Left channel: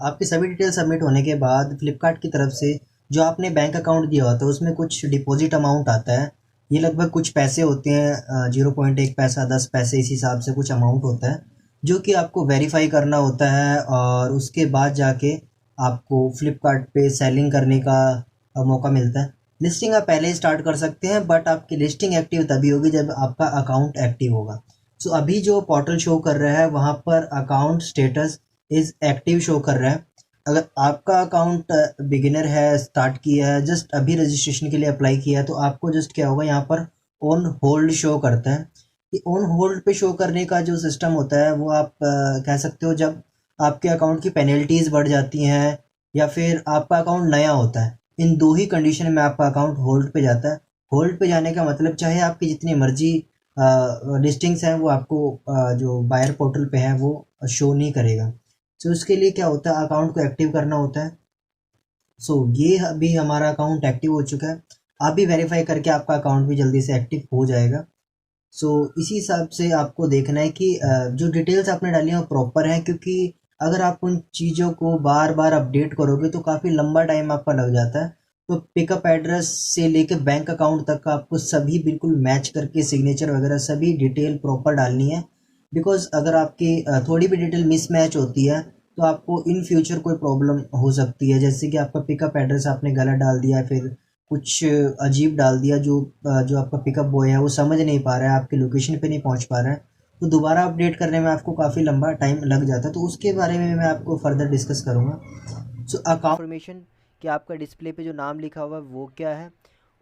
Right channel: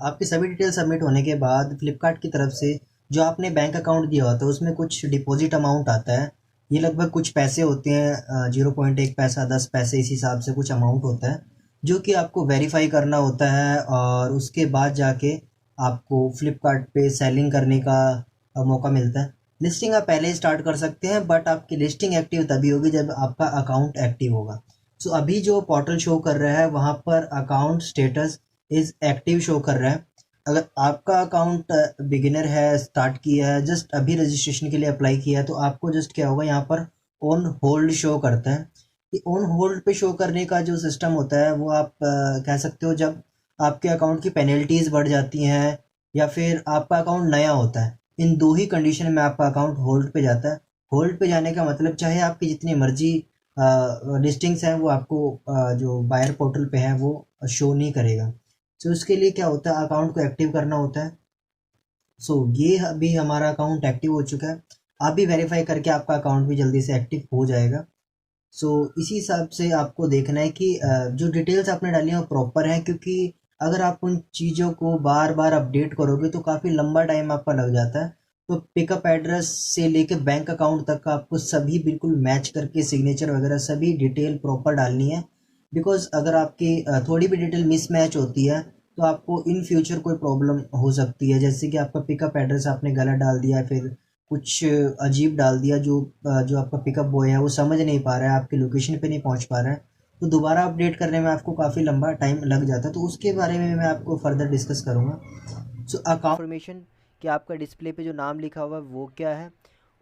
आपकी सभी detail submit होने के बाद फ्लिपकार्ट की तरफ से जो आपने बैंक अकाउंट दिया होता है उसमें कुछ डिपॉजिट अमाउंट आता है। ये लगभग कुछ पैसे होते हैं, 0.1 पैसा, 10 पैसे, इस हिसाब से कुछ अमाउंट होता है जो कि आपको वेरीफाई करना होता है। और उसके बाद जाके आपको फ्लिपकार्ट पे सेलिंग करने का मौका मिलता है। लिस्टिंग आप पहले ही स्टार्ट कर सकते हैं, बट आपकी लिस्टिंग एक्टिव तभी होगी जब आपका अकाउंट एक्टिव होगा। सो अभी जो पोर्टल शो कर रहा है वहाँ पर account status is active show कर रहा है। अगर आपका अकाउंट बिगिनर है, स्टार्ट किया है, जस्ट अभी रजिस्ट्रेशन के लिए अप्लाई किया है, तो आपको जस्ट क्या होगा, यहाँ पर ऑन होल्ड शो करता है। ये ऑन होल्ड पे शो करने का जो सिस्टम होता है वो आप कह सकते हो जब आपके अकाउंट की पेनल्टीज बढ़ जाती हैं या फिर आपका अकाउंट नया होता है। इन दो ही कंडीशन में आपका अकाउंट होल्ड पे जाता है। होल्ड पे जाने का मतलब चाहे आपकी जितनी मर्जी लिस्टिंग्स हैं वो आपको जो बायर पोर्टल पे है वो शो नहीं करेगा। सो इसके लिए क्या होता है, अकाउंट को एक्टिव करना होता है। सो ये अभी हमारा अकाउंट एक्टिव हो चुका है। आप भी वेरीफाई करके आपका अकाउंट भी जल्दी से एक्टिव हो जाएगा। सो इसी हिसाब से आपको देखना है कि जो डिटेल्स आपने डाली हैं वो प्रॉपर है, क्योंकि अगर आप उन चीज़ों को बार बार अपडेट करोगे तो काफ़ी लंबा टाइम आपका लग जाता है। तो पिकअप एड्रेस से लेकर बैंक अकाउंट तक का आपको सभी बिल्कुल मैच करके सिग्नेचर वगैरह सभी डिटेल प्रॉपर डालनी है। बिकॉज अगर आपकी थोड़ी भी डिटेल मिसमैच होती है तो आपको इन फ्यूचर कोई प्रॉब्लम हो सकती है। जैसे कि आपका पिकअप एड्रेस आपने गलत डाल दिया, फिर कुछ अजीब डाल दिया, जो आपका पिकअप बॉय है वो समझ नहीं पा रहा है, आपकी लोकेशन पे नहीं पहुंच पा रहा है, तो दोबारा अपडेट करने में आपको काफ़ी लंबा टाइम लग जाता है। तो उसके बारे में मैं आपको फर्दर डिस्कस करूँगा। सो अकाउंट इन्फॉर्मेशन कि आपका डिस्प्ले पे जो नाम लिखा हुआ है वो क्या है।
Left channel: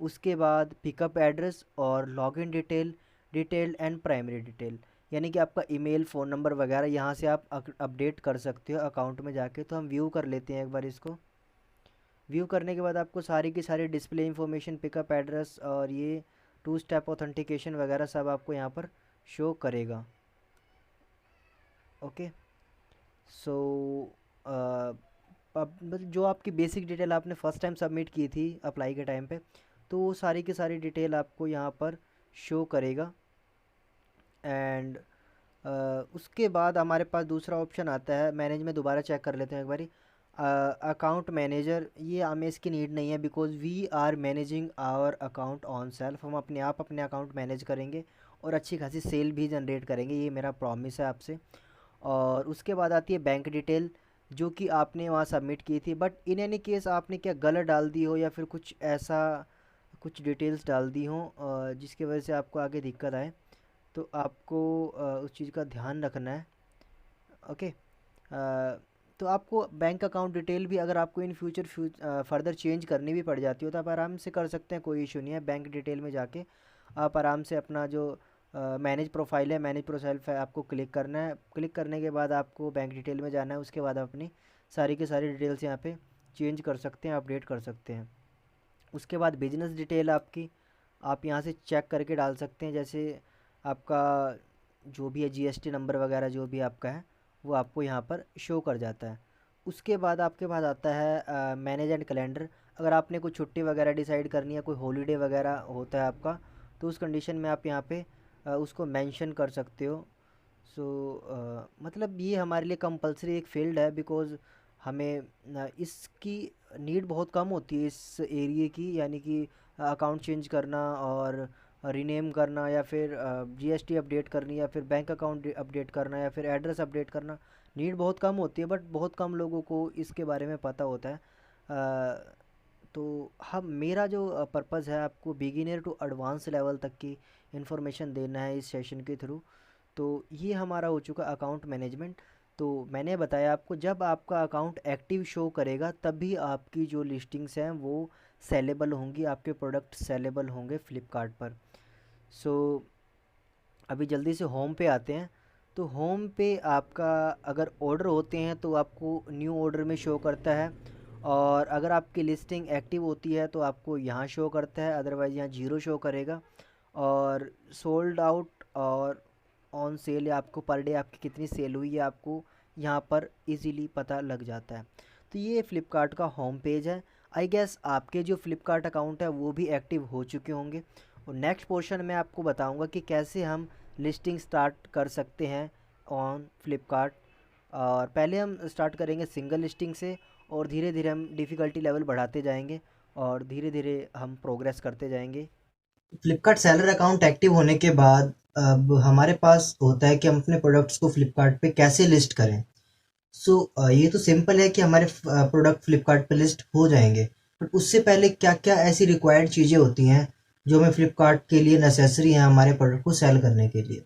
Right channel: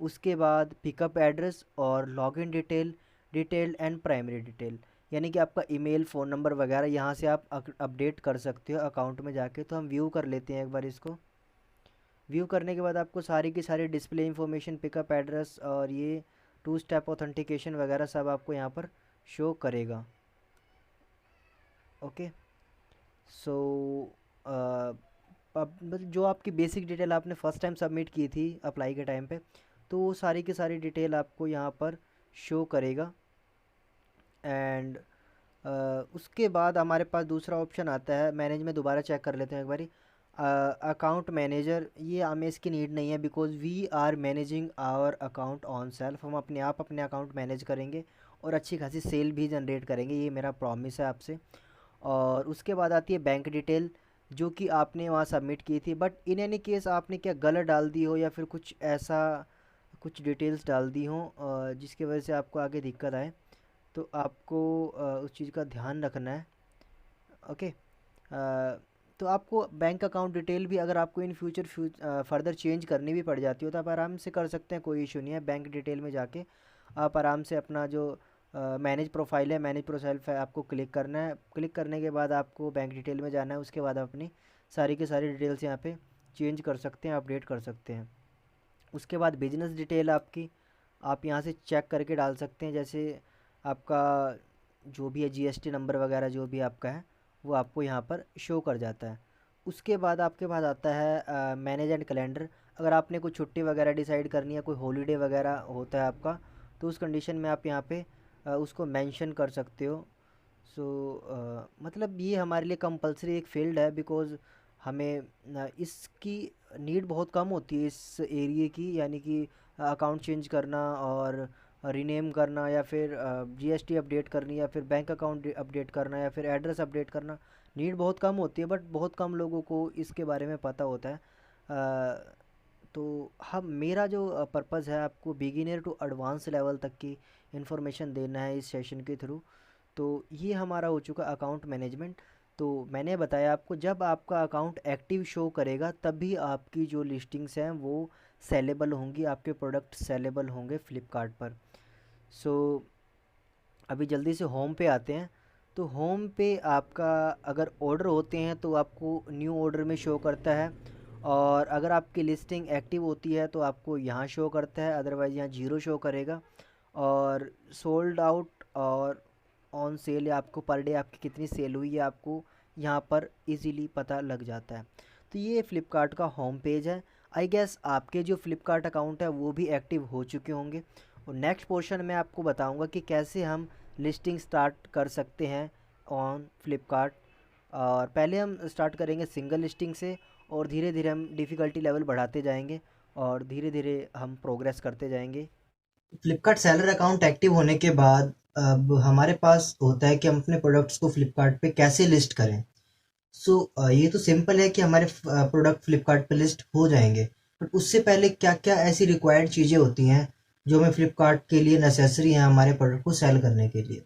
उसके बाद पिकअप एड्रेस और login detail, detail and primary detail, यानी कि आपका ईमेल, फ़ोन नंबर वगैरह यहाँ से आप अपडेट कर सकते हो अकाउंट में जाके। तो हम व्यू कर लेते हैं एक बार इसको। व्यू करने के बाद आपको सारी की सारी डिस्प्ले इंफॉर्मेशन, पिकअप एड्रेस और ये टू स्टेप ऑथेंटिकेशन वगैरह सब आपको यहाँ पर शो करेगा। ओके। सो अब मतलब जो आपकी बेसिक डिटेल आपने फ़र्स्ट टाइम सबमिट की थी अप्लाई के टाइम पे, तो वो सारी की सारी डिटेल आपको यहाँ पर शो करेगा। एंड उसके बाद हमारे पास दूसरा ऑप्शन आता है मैनेज में। दोबारा चेक कर लेते हैं एक बारी। अकाउंट मैनेजर, ये हमें इसकी नीड नहीं है because we are managing our account on self. हम अपने आप अपने अकाउंट मैनेज करेंगे और अच्छी खासी सेल भी जनरेट करेंगे, ये मेरा प्रॉमिस है आपसे। और उसके बाद आती है बैंक डिटेल, जो कि आपने वहाँ सबमिट की थी, बट इन एनी केस आपने क्या गलत डाल दी हो या फिर कुछ ऐसा कुछ डिटेल्स डाल दी हो जिसकी वजह से आपको आगे दिक्कत आए, तो आपको उस चीज़ का ध्यान रखना है। ओके। तो आपको बैंक अकाउंट डिटेल भी अगर आपको इन फ्यूचर फर्दर चेंज करनी भी पड़ जाती हो तो आप आराम से कर सकते हैं, कोई इशू नहीं है। बैंक डिटेल में जाके आप आराम से अपना जो मैनेज प्रोफाइल है, मैनेज प्रोफाइल पे आपको क्लिक करना है। क्लिक करने के बाद आपको बैंक डिटेल में जाना है। उसके बाद आप अपनी सारी की सारी डिटेल्स यहाँ पे चेंज कर सकते हैं, अपडेट कर सकते हैं। उसके बाद बिजनेस डिटेल आपकी आप यहाँ से चेक करके डाल सकते हैं। जैसे आपका जो भी है जीएसटी नंबर वगैरह जो भी आपका है वो आपको यहाँ पर शो कर जाता है। उसके बाद आपके पास आता है मैनेज एंड कैलेंडर। अगर आपने कोई छुट्टी वगैरह डिसाइड करनी है, कोई हॉलीडे वगैरह होता है आपका, तो उस कंडीशन में आप यहाँ पे उसको मेंशन कर सकते हो। सो मतलब ये हमारे लिए कंपलसरी एक फील्ड है बिकॉज़ हमें इसकी नीड बहुत कम होती है इस एरिए की, यानी कि अकाउंट चेंज करना और रीनेम करना या फिर जीएसटी अपडेट करनी या फिर बैंक अकाउंट अपडेट करना या फिर एड्रेस अपडेट करना। नीड बहुत कम होती है, बट बहुत कम लोगों को इसके बारे में पता होता है। तो हम मेरा जो पर्पज़ है आपको बिगिनर टू एडवांस लेवल तक की इन्फॉर्मेशन देना है इस सेशन के थ्रू। तो ये हमारा हो चुका अकाउंट मैनेजमेंट। तो मैंने बताया आपको जब आपका अकाउंट एक्टिव शो करेगा तभी आपकी जो लिस्टिंग्स हैं वो सेलेबल होंगी, आपके प्रोडक्ट सेलेबल होंगे फ्लिपकार्ट पर। सो अभी जल्दी से होम पे आते हैं। तो होम पे आपका अगर ऑर्डर होते हैं तो आपको न्यू ऑर्डर में शो करता है, और अगर आपकी लिस्टिंग एक्टिव होती है तो आपको यहाँ शो करता है, अदरवाइज़ यहाँ जीरो शो करेगा। और सोल्ड आउट और ऑन सेल या आपको पर डे आपकी कितनी सेल हुई है आपको यहाँ पर इजीली पता लग जाता है। तो ये फ्लिपकार्ट का होम पेज है। आई गेस आपके जो फ्लिपकार्ट अकाउंट है वो भी एक्टिव हो चुके होंगे। और नेक्स्ट पोर्शन में आपको बताऊंगा कि कैसे हम लिस्टिंग स्टार्ट कर सकते हैं ऑन फ्लिपकार्ट। और पहले हम स्टार्ट करेंगे सिंगल लिस्टिंग से, और धीरे धीरे हम डिफ़िकल्टी लेवल बढ़ाते जाएंगे और धीरे धीरे हम प्रोग्रेस करते जाएंगे। फ्लिपकार्ट सेलर अकाउंट एक्टिव होने के बाद अब हमारे पास होता है कि हम अपने प्रोडक्ट्स को फ्लिपकार्ट पे कैसे लिस्ट करें। सो ये तो सिंपल है कि हमारे प्रोडक्ट फ्लिपकार्ट पे लिस्ट हो जाएंगे, बट उससे पहले क्या क्या ऐसी रिक्वायर्ड चीज़ें होती हैं जो हमें फ्लिपकार्ट के लिए नेसेसरी हैं हमारे प्रोडक्ट को सेल करने के लिए।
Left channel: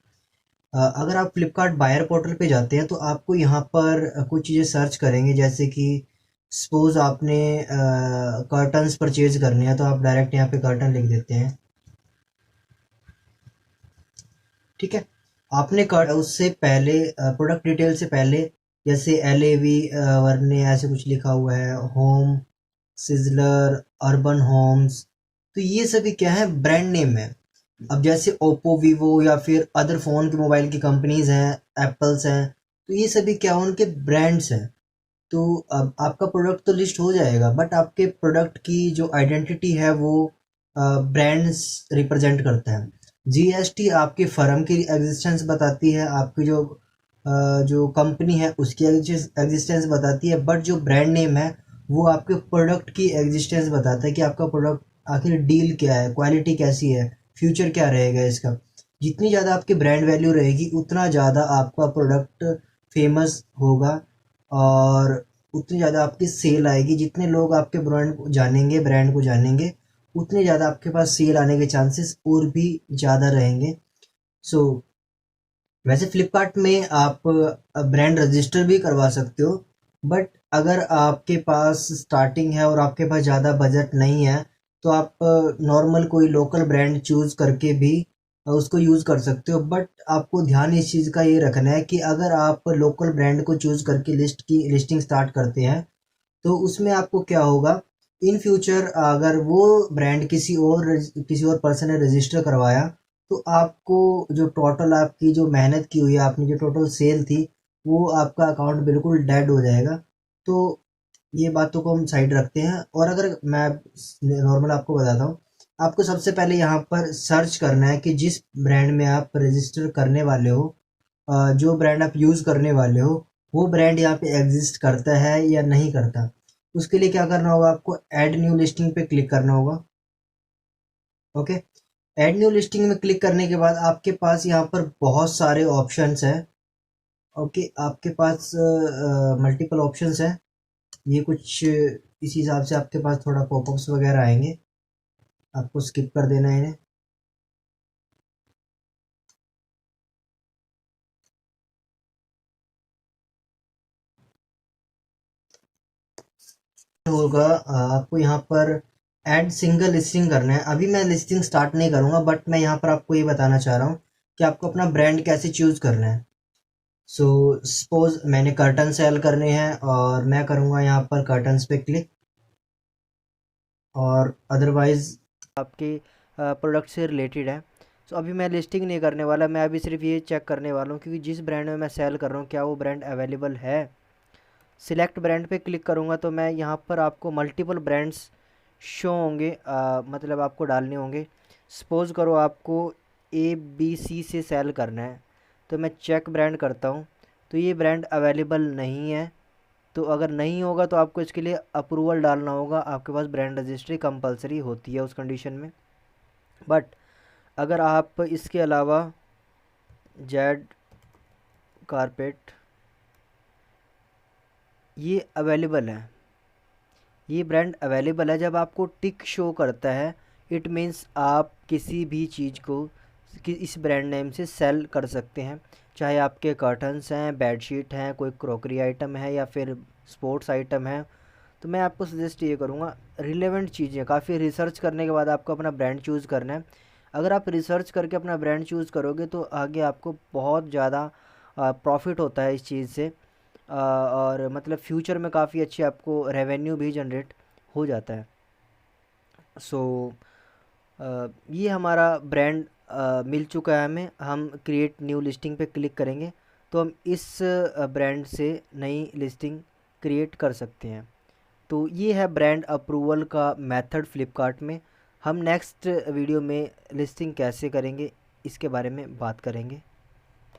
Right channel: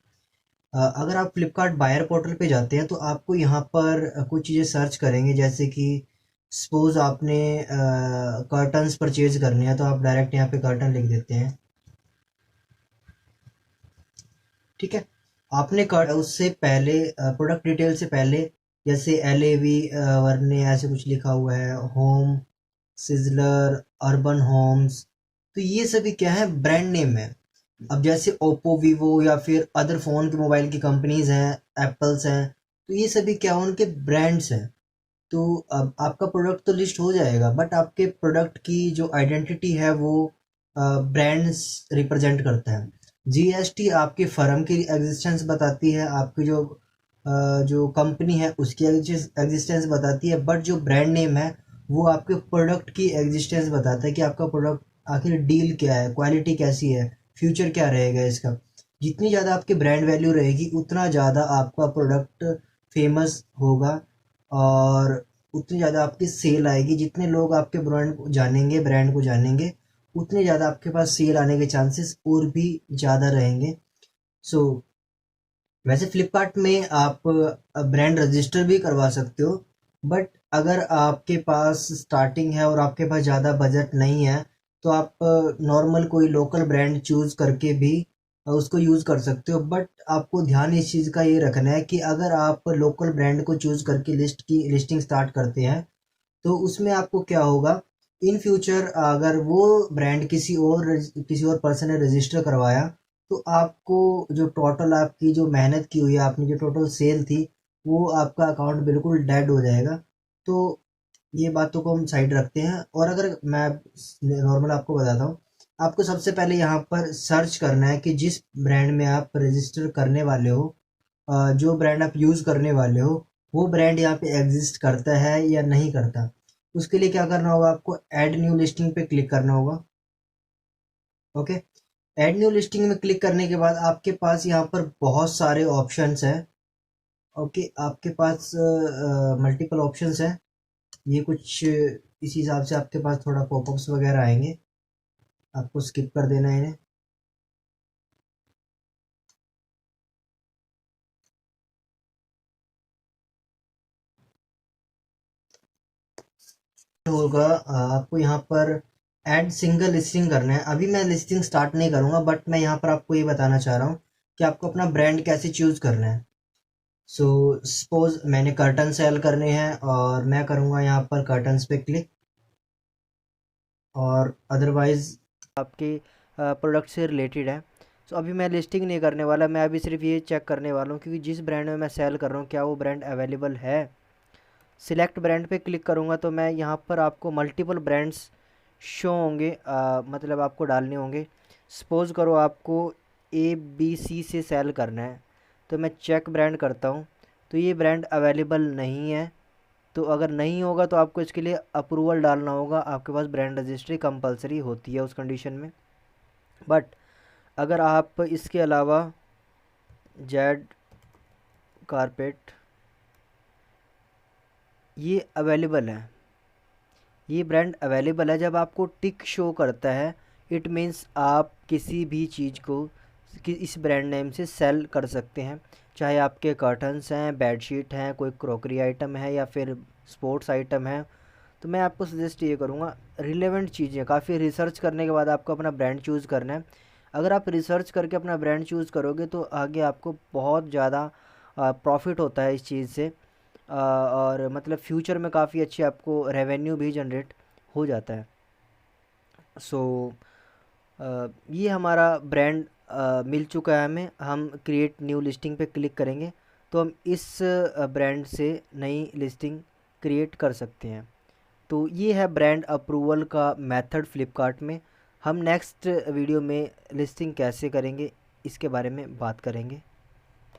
अगर आप फ्लिपकार्ट बायर पोर्टल पे जाते हैं तो आपको यहाँ पर कुछ चीज़ें सर्च करेंगे, जैसे कि सपोज आपने कर्टन्स परचेज करने हैं तो आप डायरेक्ट यहाँ पे कर्टन लिख देते हैं। ठीक है, आपने कर उससे पहले प्रोडक्ट डिटेल से पहले जैसे LAV वरने ऐसे कुछ लिखा हुआ है, होम, सिजलर, अर्बन होम्स, तो ये सभी क्या है, ब्रांड नेम है। अब जैसे ओप्पो, वीवो या फिर अदर फ़ोन की मोबाइल की कंपनीज हैं, एप्पल्स हैं, तो ये सभी क्या उनके ब्रांड्स हैं। तो अब आपका प्रोडक्ट तो लिस्ट हो जाएगा, बट आपके प्रोडक्ट की जो आइडेंटिटी है वो ब्रांड्स रिप्रेजेंट करता है। GST आपकी फर्म की एग्जिस्टेंस बताती है, आपकी जो कंपनी है उसकी एग्जिस्टेंस बताती है, बट जो ब्रांड नेम है वो आपके प्रोडक्ट की एग्जिस्टेंस बताता है कि आपका प्रोडक्ट आखिर डील क्या है, क्वालिटी कैसी है, फ्यूचर क्या रहेगा इसका। जितनी ज़्यादा आपकी ब्रांड वैल्यू रहेगी उतना ज़्यादा आपका प्रोडक्ट फेमस होगा, और उतनी ज़्यादा आपकी सेल आएगी। जितने लोग आपके ब्रांड को जानेंगे उतने ज़्यादा आपके पास सेल आने के चांसेस और भी ज़्यादा रहेंगे। सो वैसे फ्लिपकार्ट में आप ब्रांड रजिस्टर भी करवा सकते हो, बट अगर आपके पास स्टार्टिंग है और आपके पास ज़्यादा बजट नहीं है तो आप नॉर्मल कोई लोकल ब्रांड चूज़ करके भी उसको यूज़ कर सकते हो। बट आपको ध्यान इस चीज़ का ये रखना है कि अगर आप लोकल ब्रांड को चूज़ करके लिस्टिंग स्टार्ट करते हैं तो उसमें आपको क्या होगा, इन फ्यूचर अगर वो ब्रांड किसी और पर्सन ने रजिस्टर करवाया तो आपको जो टोटल आपकी जो मेहनत की हुई है, आपने जो टोटल सेल थी, वो आपका अकाउंट बिल्कुल डेड हो जाएगा। तो ये बातों को हम साइड रखते हैं, और अगर मैं नॉर्मल आपको बताता हूँ, आपको सबसे पहले यहाँ पर सर्च करना है कि जिस ब्रांड में आप रजिस्टर करने वाले हो, जो ब्रांड आप यूज़ करने वाले हो, वो ब्रांड यहाँ पे एग्जिस्ट करता है या नहीं करता। उसके लिए क्या करना होगा, आपको ऐड न्यू लिस्टिंग पे क्लिक करना होगा। ओके, ऐड न्यू लिस्टिंग में क्लिक करने के बाद आपके पास यहाँ पर बहुत सारे ऑप्शंस हैं। ओके, आपके पास मल्टीपल ऑप्शंस हैं। ये कुछ इस हिसाब से आपके पास थोड़ा पॉपअप्स वगैरह आएंगे, आपको स्किप कर देना है। होगा आपको यहाँ पर ऐड सिंगल लिस्टिंग करना है। अभी मैं लिस्टिंग स्टार्ट नहीं करूँगा, बट मैं यहाँ पर आपको ये बताना चाह रहा हूँ कि आपको अपना ब्रांड कैसे चूज़ करना है। सो सपोज मैंने कर्टन सेल करने हैं और मैं करूँगा यहाँ पर कर्टन्स पे क्लिक, और अदरवाइज आपके प्रोडक्ट से रिलेटेड है। सो अभी मैं लिस्टिंग नहीं करने वाला, मैं अभी सिर्फ ये चेक करने वाला हूँ क्योंकि जिस ब्रांड में मैं सेल कर रहा हूँ क्या वो ब्रांड अवेलेबल है। सिलेक्ट ब्रांड पे क्लिक करूँगा तो मैं यहाँ पर आपको मल्टीपल ब्रांड्स शो होंगे, मतलब आपको डालने होंगे। सपोज़ करो आपको ABC से सेल करना है, तो मैं चेक ब्रांड करता हूँ, तो ये ब्रांड अवेलेबल नहीं है। तो अगर नहीं होगा तो आपको इसके लिए अप्रूवल डालना होगा, आपके पास ब्रांड रजिस्ट्री कंपलसरी होती है उस कंडीशन में। बट अगर आप इसके अलावा जेड कारपेट ये अवेलेबल है, ये ब्रांड अवेलेबल है, जब आपको टिक शो करता है इट मीन्स आप किसी भी चीज़ को इस ब्रांड नेम से सेल कर सकते हैं। चाहे आपके कर्टन्स हैं, बेडशीट हैं, कोई क्रॉकरी आइटम है या फिर स्पोर्ट्स आइटम है। तो मैं आपको सजेस्ट ये करूँगा, रिलेवेंट चीज़ें काफ़ी रिसर्च करने के बाद आपको अपना ब्रांड चूज़ करना है। अगर आप रिसर्च करके अपना ब्रांड चूज़ करोगे तो आगे आपको बहुत ज़्यादा प्रॉफिट होता है इस चीज़ से, और मतलब फ्यूचर में काफ़ी अच्छी आपको रेवेन्यू भी जनरेट हो जाता है। सो ये हमारा ब्रांड मिल चुका है हमें। हम क्रिएट न्यू लिस्टिंग पे क्लिक करेंगे तो हम इस ब्रांड से नई लिस्टिंग क्रिएट कर सकते हैं। तो ये है ब्रांड अप्रूवल का मेथड फ्लिपकार्ट में। हम नेक्स्ट वीडियो में लिस्टिंग कैसे करेंगे इसके बारे में बात करेंगे।